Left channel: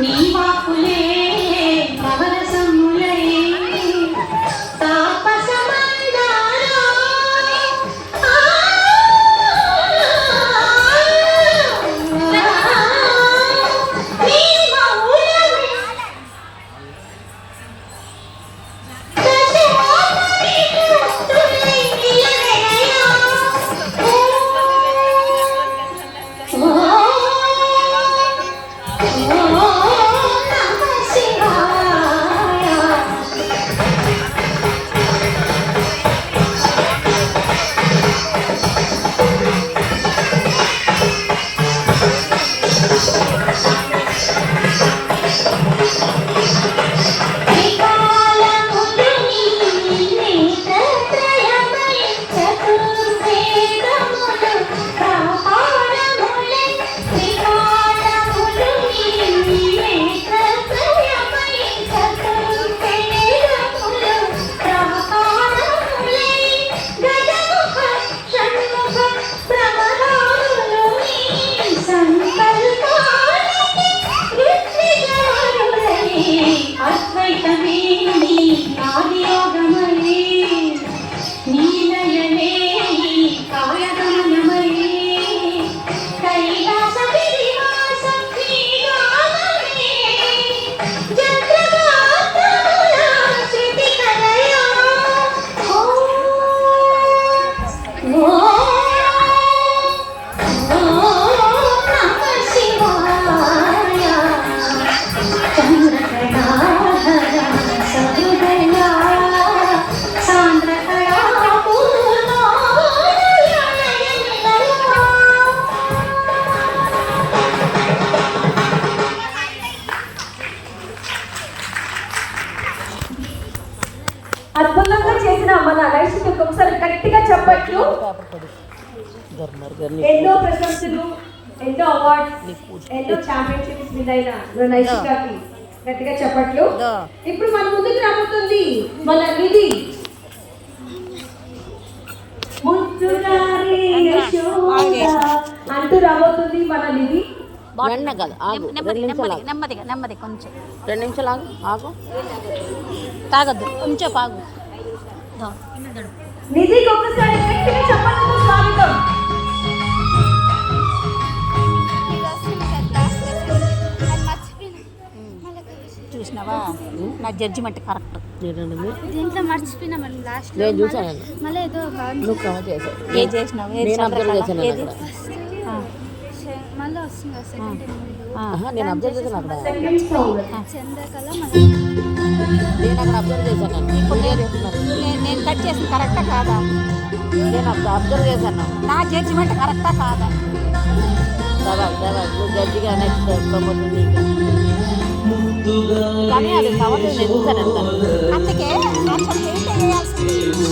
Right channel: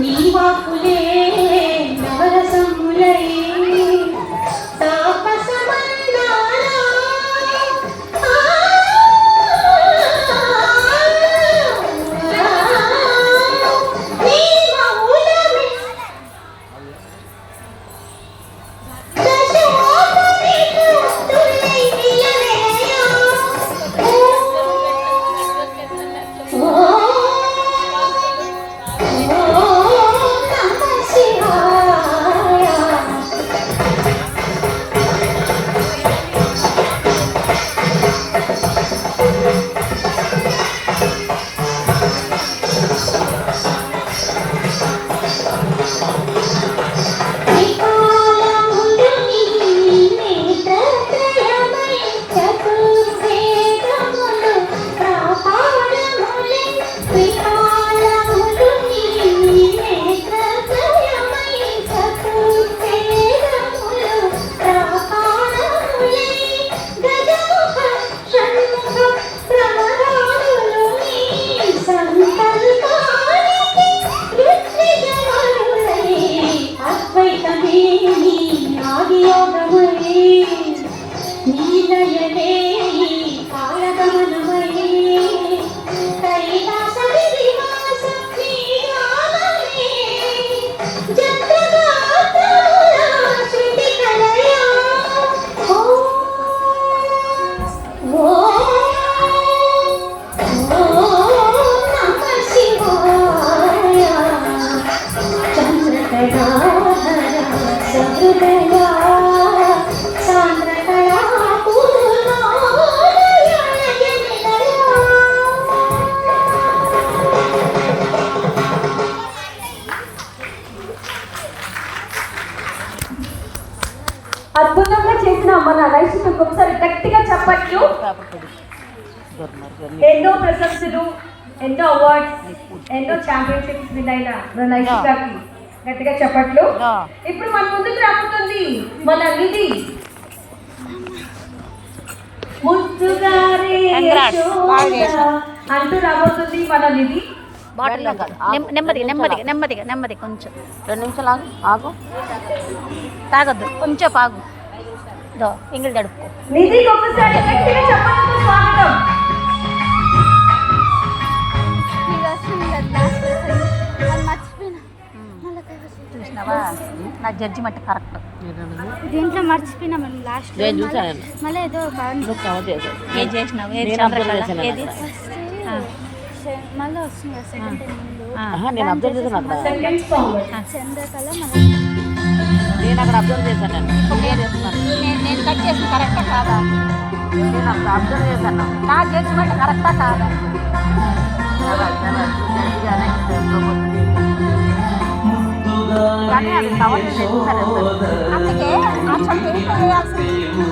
నీవాకులే నవరసములై అద్భుతంగా చేసిన మన నైషికి ఒకసారి గట్టిగా చెప్పట్లు. ఎన్నో ప్రశంసలు, ఎన్నో అవార్డ్స్, ఎన్నో ఛాంపియన్షిప్స్ విన్ అయిన మన నైషికి గట్టిగా చెప్పట్లు. ఇప్పుడు మన ముందుకు రాబోతుంది మన నిధి. అంటూ రాబోతుంది మన నిధి. నెమ్మదిగా కొంచెం 2 నిమిషాలు ఆగు తాగద్దు, కొంచెం ఆగు. ఎంగిల్ తడుపు. నిధికి ఒకసారి గట్టిగా చెప్పట్లు. స్వాగతం. చూసినావా, నా జడ్జిమెంట్ కరెక్ట్. దీంట్లో మర్చిపోయినా మనం లాస్ట్ నేను చూసాను. మళ్ళీ ఏదో ఏది చేసినావు? ఏది చంద్రకళ? ఏది మళ్ళీ వస్తుంది. నేను అబ్జర్వ్ చేశాను అక్కడ. చంద్రకళ నేను అక్కడ అబ్జర్వ్ చేశాను. నేను కట్ చేసిన కరెక్టా కాదా? నేను అక్కడ అబ్జర్వ్ చేశాను. నా జడ్జిమెంట్ కరెక్టా కాదా? జడ్జిగా నెక్స్ట్ అందుకే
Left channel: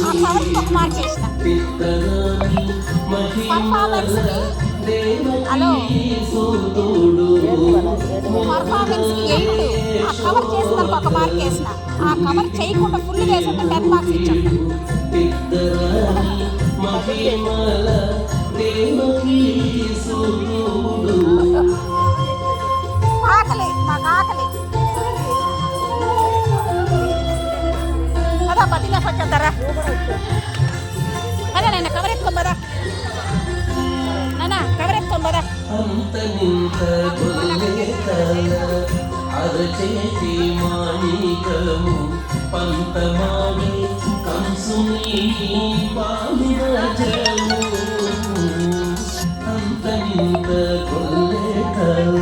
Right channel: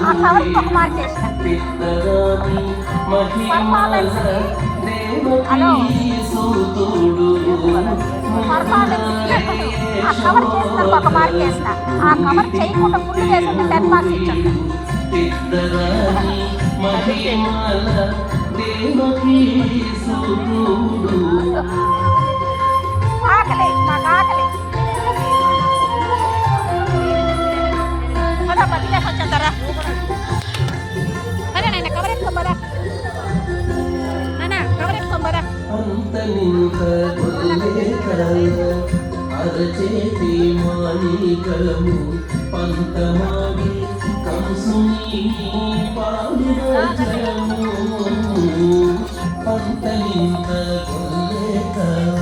ఆ కవర్కి ఒక మార్క్ వేసిన. హలో, ఆ కవర్ చేసిన ఒక మార్క్ వేసిన. ఆ కవర్ చేయకుండా ఫుల్ వేసిన 10 మార్క్స్ ఇచ్చాను. ఆకలి, మాకు ఆకలి. పదా బదిలేసి వచ్చేస్తారా? పదా నేను కవర్ ఎత్తుకోం పదా. నాన్న కవర్ ఎత్తుకోం పదా. అంతలింత